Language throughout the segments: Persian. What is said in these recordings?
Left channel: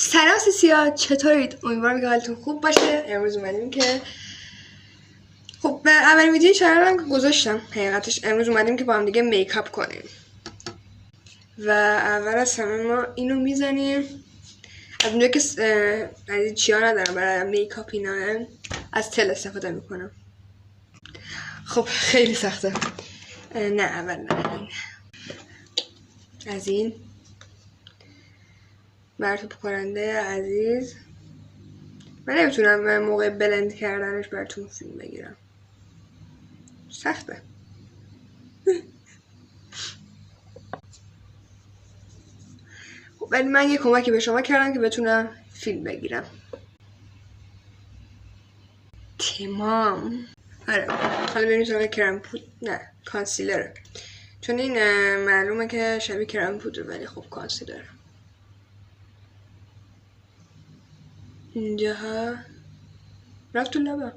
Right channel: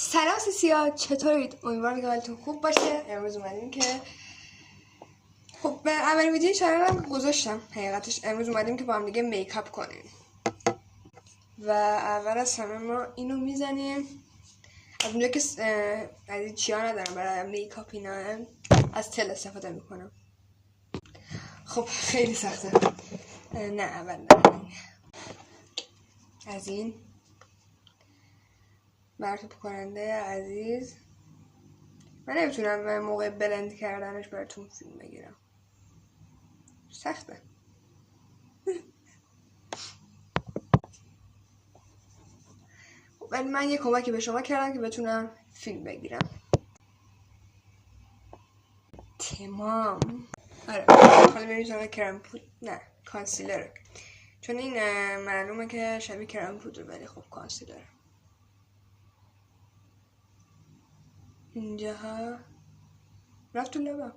سلام سیسیا، چطورید؟ امیدوارم که حالتون خوب باشه. امروز اومدیم که خب اولین ویدیو چنل رو گذاشتم. حقیقتش امروز اومدیم که با هم دیگه میکاپ کنیم و اول از همه ما اینو میزنیم. از اونجا که از این چیا ندارم برای میکاپ اینا، از تل استفاده میکنم. خب خیلی سخته. نه اول نه از این مرطوب کننده عزیز. من نمیتونم موقع بلند کردنش براتون فیلم بگیرم، سخته. خب ولی من یه کمکی به شما کردم که بتونم فیلم بگیرم. تمام. آره حالا بریم سراغ کرم پود. نه کانسیلر، چون این معلومه که شبیه کرم پودره ولی خب کانسیلر. اینجا رفت تو لبم،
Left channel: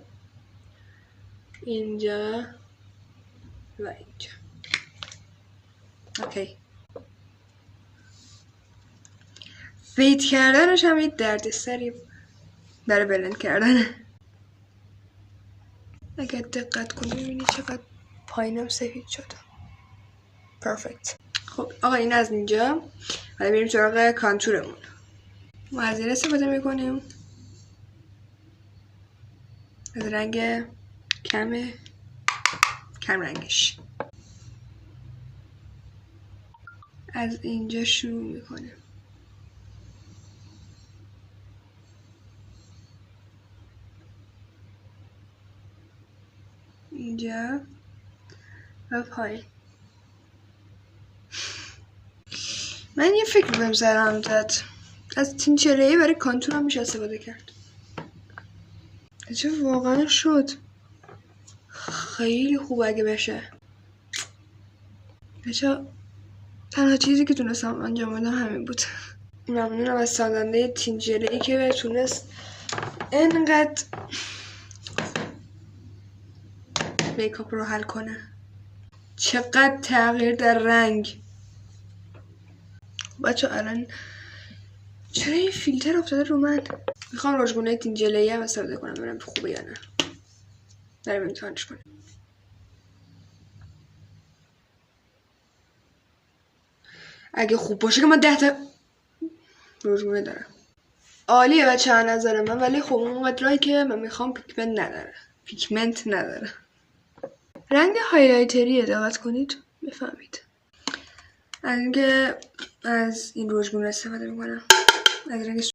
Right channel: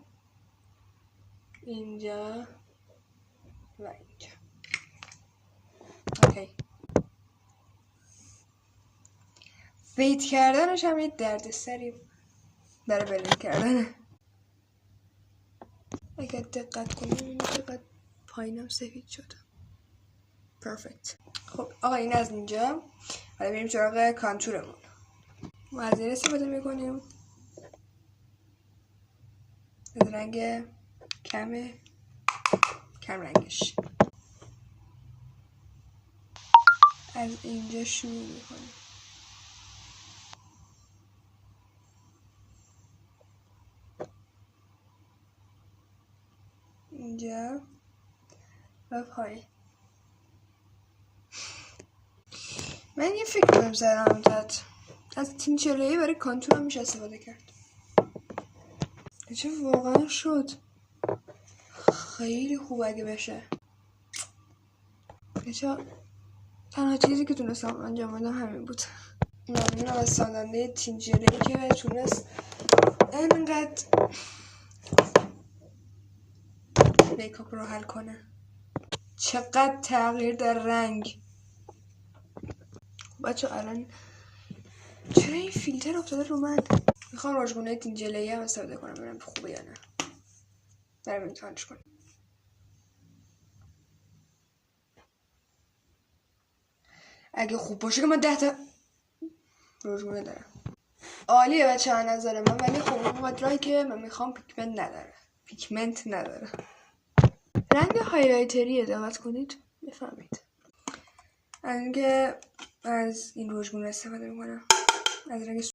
اینجا و اینجا. اوکی. فیت کردنش هم یه دردسری برای بلند کردنه. اگه دقت کنی ببینی چقدر پایینم سفید شد. پرفکت. خب آقا این از اینجا. حالا بریم سراغ کانتورمون. ما از این استفاده میکنیم از رنگ کم رنگش. از اینجا شروع میکنیم. اینجا و پایین. من یه فکر بهم سرم زد، از تینچره‌ای برای کانتور هم میشه استفاده کرد. چه واقعا شد خیلی خوب اگه بشه. بچه تنها چیزی که تونستم انجام بدم همین بود. ممنونم از سازنده تینچره‌ای که تونست انقدر میکاپ رو حل کنه. چقدر تغییر در رنگ. بچه الان چرا این فیلتر افتاده رو من؟ میخوام رژگونه تینجله‌ای هم استفاده کنم ببینم خوبه یا نه. بریم امتحانش کنیم. اگه خوب باشه که من 10 تا رژگونه دارم. عالیه بچه ها نظر من، ولی خب اونقدرایی که من میخوام پیگمنت نداره. رنگ هایلایتریه، دقت کنید بفهمید. از اینکه از این رژگونه استفاده میکنم، از رنگ